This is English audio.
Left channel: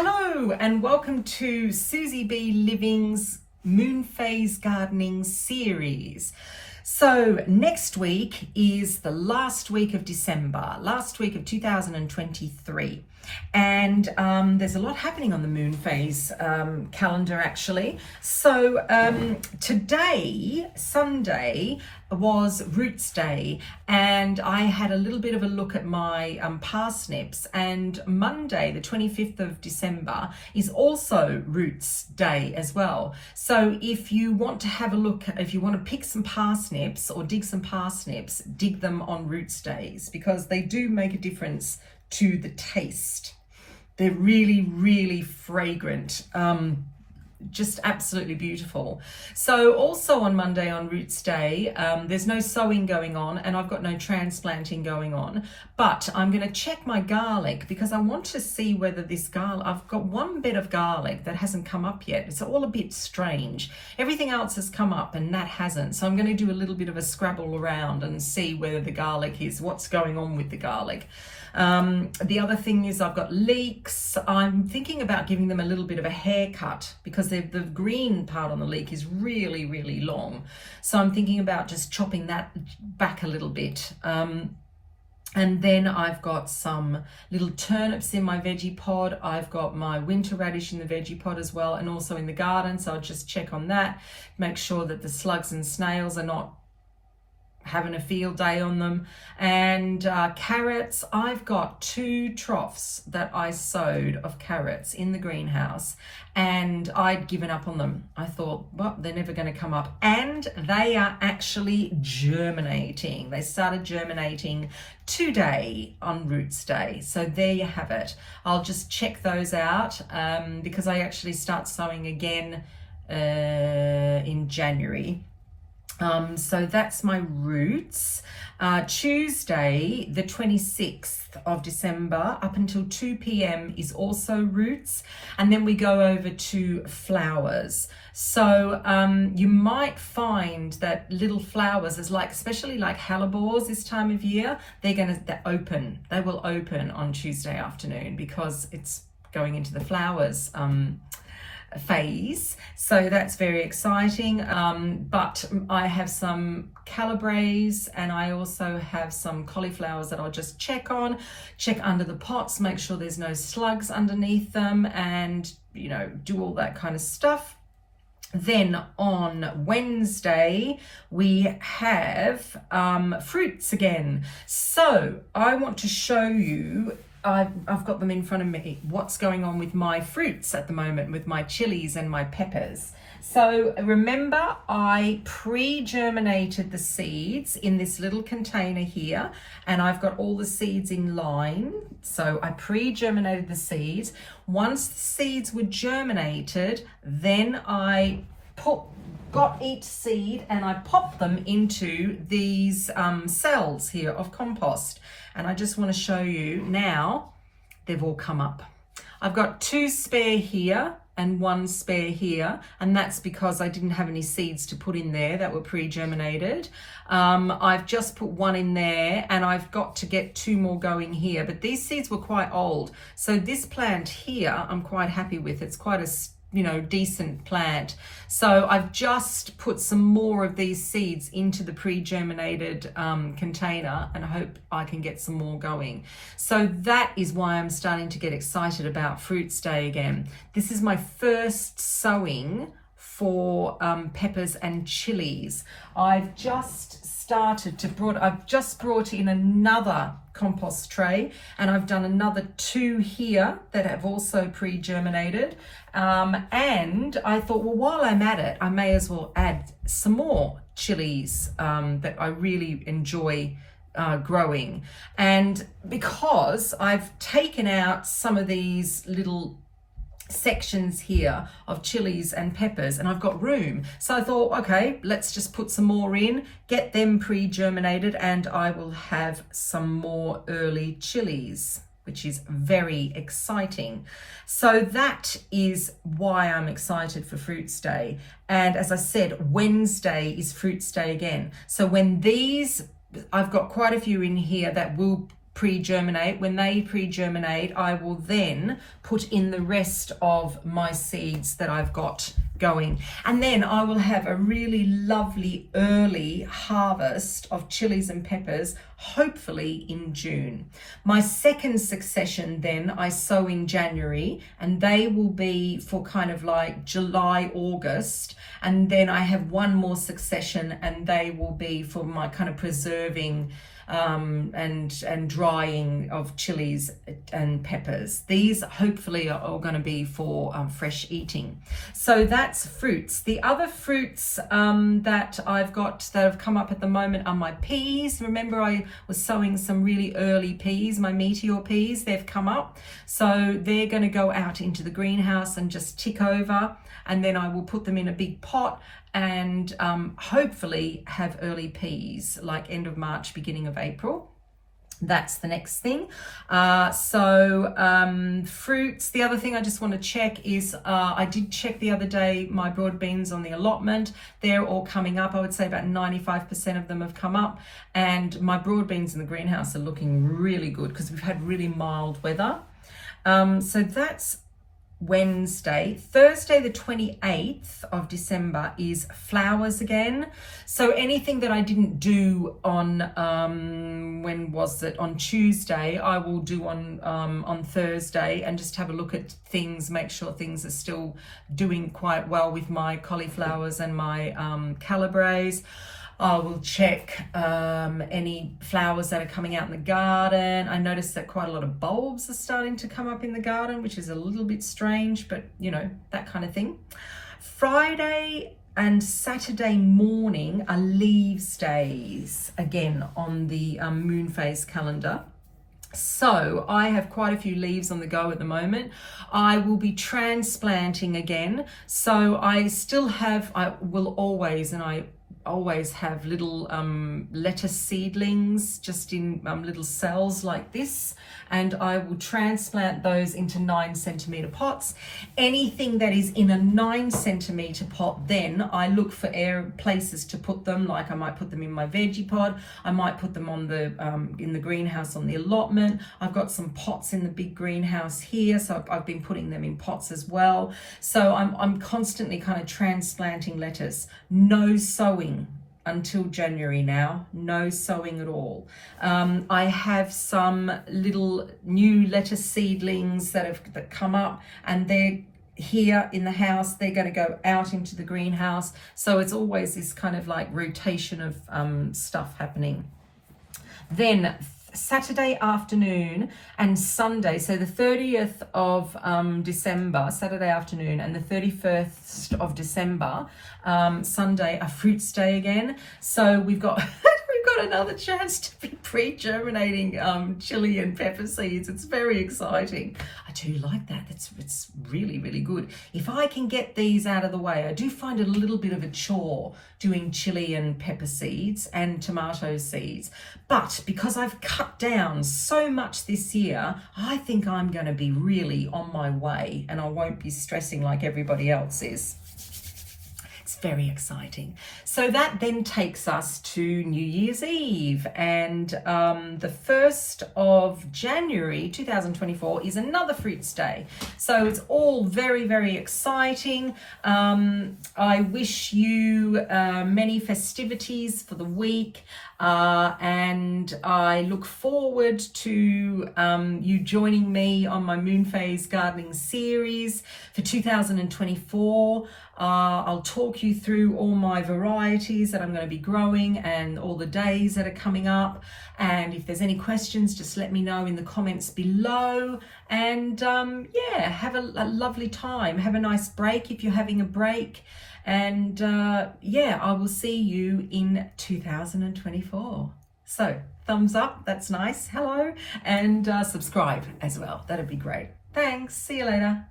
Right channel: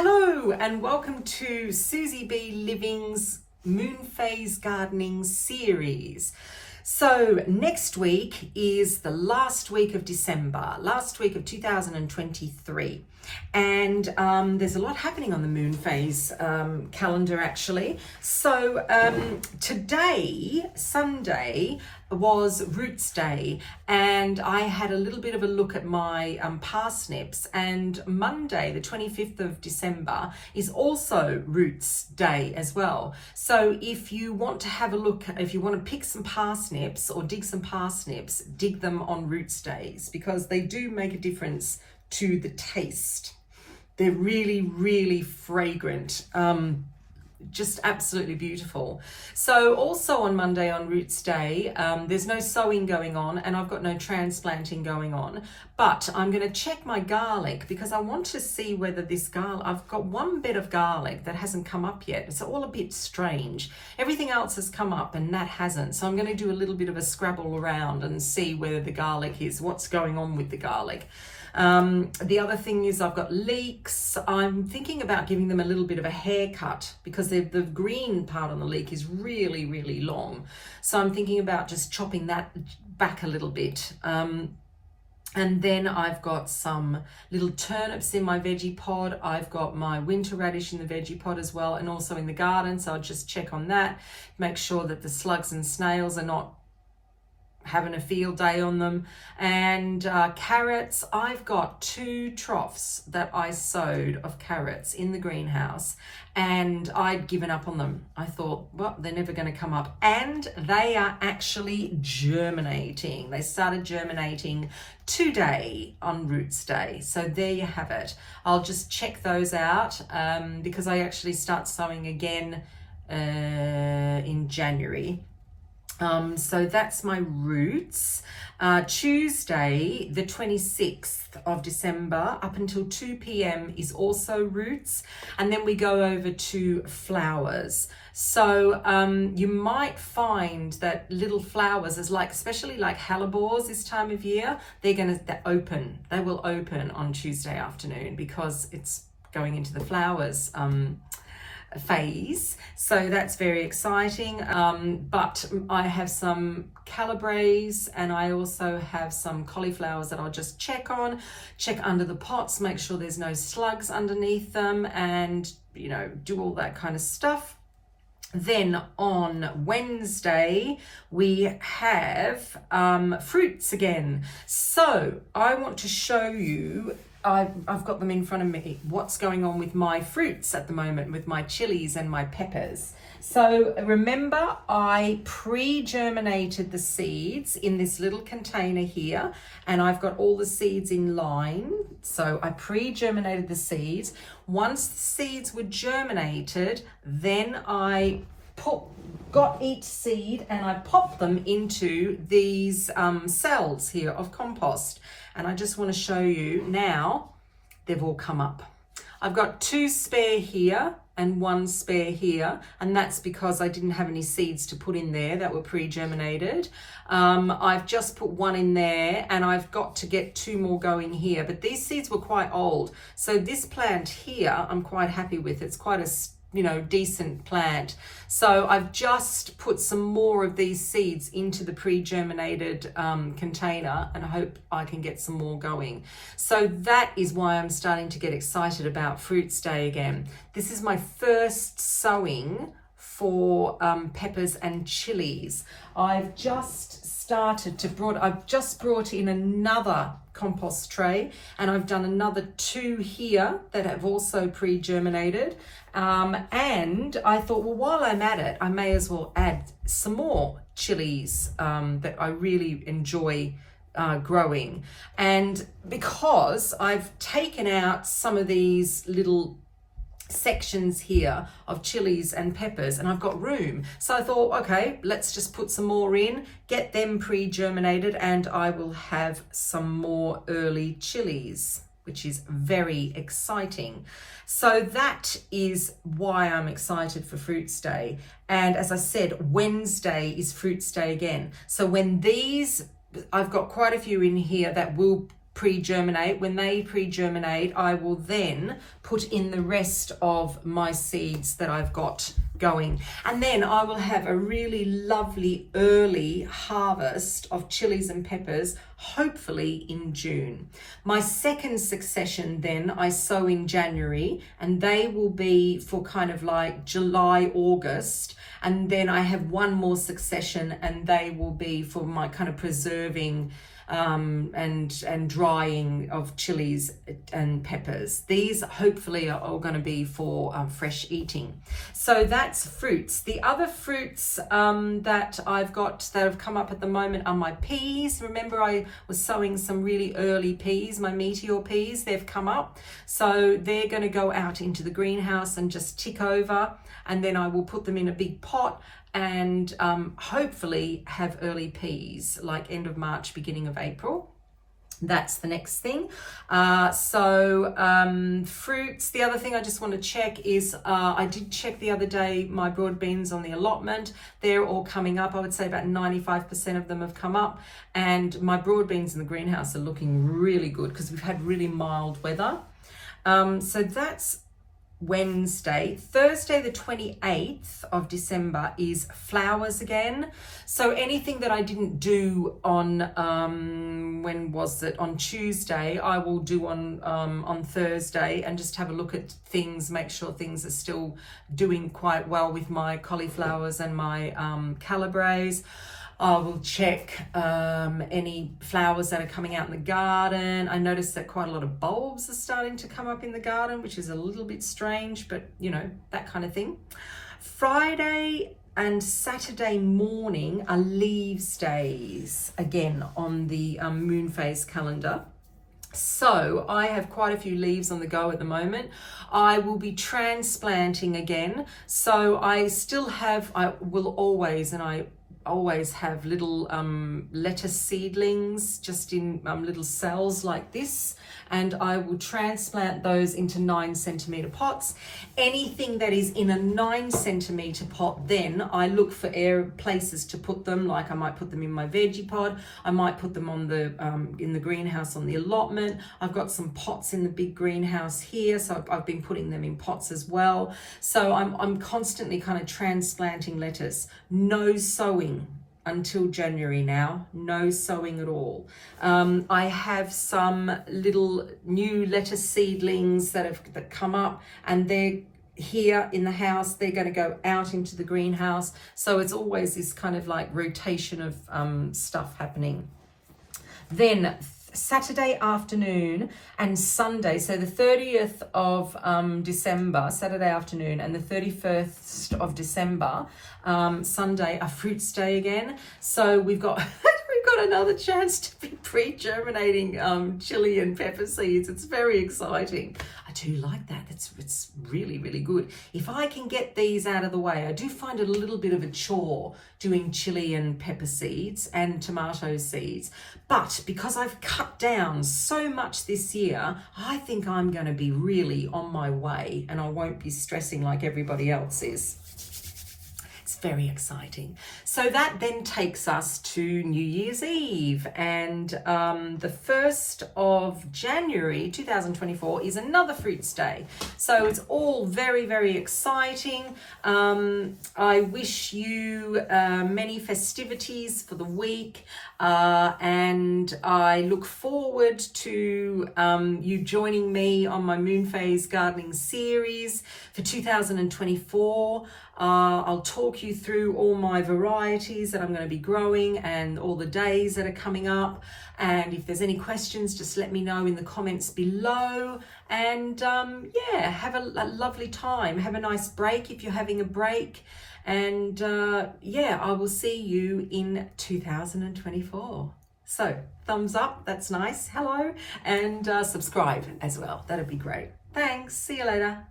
Hello and welcome to SusyBLiving's Moonphase gardening series. So next week is the last week of December, last week of 2023. And there's a lot happening on the Moonphase calendar actually. So today, Sunday, was Roots Day, and I had a little bit of a look at my parsnips, and Monday the 25th of December is also Roots Day as well. So if you want to have a look, if you want to pick some parsnips or dig some parsnips, dig them on Roots Days because they do make a difference to the taste. They're really, really fragrant. Just absolutely beautiful. So also on Monday on Roots Day, there's no sowing going on and I've got no transplanting going on, but I'm going to check my garlic because I want to see whether this garlic, I've got one bed of garlic that hasn't come up yet. It's all a bit strange. Everything else has come up and that hasn't. So I'm going to do a little bit of a scrabble around and see whether the garlic is, what's going on with the garlic. The other thing is I've got leeks. I'm thinking about giving them a little bit of a haircut because the green part on the leek is really, really long. So I'm thinking about just chopping that back a little bit. And then I've got some little turnips in my veggie pod. I've got my winter radish in the veggie pod as well, and also in the garden. So I'll just check on that, make sure that the slugs and snails are not having a field day on them. And carrots, I've got 2 troughs that I sowed of carrots in the greenhouse and I'd given up on them. I thought, well, they're never going to come up, and they are actually germinating. They started germinating today on Roots Day. So there you have it. I'll just check those out because I actually start sowing again in January. So that's my roots. Tuesday, the 26th of December, up until 2 p.m. is also roots. And then we go over to flowers. So you might find that little flowers is like, especially like hellebores this time of year, they will open on Tuesday afternoon because it's going into the flowers phase. So that's very exciting. But I have some calibres and I also have some cauliflowers that I'll just check under the pots, make sure there's no slugs underneath them, and do all that kind of stuff. Then on Wednesday, we have fruits again. So I want to show you, I've got them in front of me, what's going on with my fruits at the moment, with my chilies and my peppers. So remember, I pre-germinated the seeds in this little container here, and I've got all the seeds in line. So I pre-germinated the seeds. Once the seeds were germinated, then I got each seed and I popped them into these cells here of compost. And I just want to show you now, they've all come up. I've got 2 spare here and 1 spare here, and that's because I didn't have any seeds to put in there that were pre-germinated. I've just put 1 in there and I've got to get 2 more going here, but these seeds were quite old. So this plant here, I'm quite happy with. It's quite a decent plant. So I've just put some more of these seeds into the pre-germinated container, and I hope I can get some more going. So that is why I'm starting to get excited about Fruits Day again. This is my first sowing for peppers and chilies. I've just brought in another compost tray, and I've done another 2 here that have also pre-germinated. And I thought, well, while I'm at it, I may as well add some more chilies that I really enjoy growing. And because I've taken out some of these little sections here of chilies and peppers and I've got room, so I thought, okay, let's just put some more in, get them pre-germinated, and I will have some more early chilies, which is very exciting. So that is why I'm excited for Fruits Day. And as I said, Wednesday is Fruits Day again. So when these, I've got quite a few in here that will pre-germinate. When they pre-germinate, I will then put in the rest of my seeds that I've got going. And then I will have a really lovely early harvest of chilies and peppers, hopefully in June. My second succession then I sow in January, and they will be for kind of like July, August. And then I have one more succession, and they will be for my kind of preserving and drying of chilies and peppers. These hopefully are all going to be for fresh eating. So that's fruits. The other fruits that I've got that have come up at the moment are my peas. Remember, I was sowing some really early peas, my meteor peas. They've come up. So they're going to go out into the greenhouse and just tick over. And then I will put them in a big pot and hopefully have early peas, like end of March, beginning of April. That's the next thing. Fruits. The other thing I just want to check is I did check the other day my broad beans on the allotment. They're all coming up. I would say about 95% of them have come up. And my broad beans in the greenhouse are looking really good because we've had really mild weather. So that's Wednesday. Thursday the 28th of December is flowers again. So anything that I didn't do on when was it, on Tuesday, I will do on Thursday, and just have a look at things, make sure things are still doing quite well with my cauliflowers and my calibres. I will check any flowers that are coming out in the garden. I noticed that quite a lot of bulbs are starting to come up in the garden, which is a little bit strange, but you know, that kind of thing. Friday and Saturday morning are leaves days again on the Moonphase calendar. So I have quite a few leaves on the go at the moment. I will be transplanting again. So I will always have little lettuce seedlings just in little cells like this, and I will transplant those into 9cm pots. Anything that is in a 9cm pot, then I look for places to put them. Like I might put them in my veggie pod, I might put them on the in the greenhouse on the allotment. I've got some pots in the big greenhouse here, so I've been putting them in pots as well. So I'm constantly kind of transplanting lettuce. No sowing until January now, no sowing at all. I have some little new lettuce seedlings that come up, and they're here in the house. They're going to go out into the greenhouse. So it's always this kind of like rotation of stuff happening. Then Saturday afternoon and Sunday, so the 30th of December, Saturday afternoon, and the 31st of December, Sunday, are fruits day again. So we've got another chance to be pre-germinating chili and pepper seeds. It's very exciting. I do like that. It's really, really good. If I can get these out of the way, I do find it a little bit of a chore doing chili and pepper seeds and tomato seeds. But because I've cut down so much this year, I think I'm going to be really on my way, and I won't be stressing like everybody else is. Very exciting. So that then takes us to New Year's Eve, and the 1st of January 2024 is another fruits day. So it's all very, very exciting. I wish you many festivities for the week, and I look forward to you joining me on my Moonphase gardening series for 2024. I'll talk you through all my varieties that I'm going to be growing and all the days that are coming up. And if there's any questions, just let me know in the comments below. And yeah, have a lovely time. Have a nice break if you're having a break. And yeah, I will see you in 2024. So thumbs up, that's nice. Hello. And subscribe as well. That'd be great. Thanks. See you later.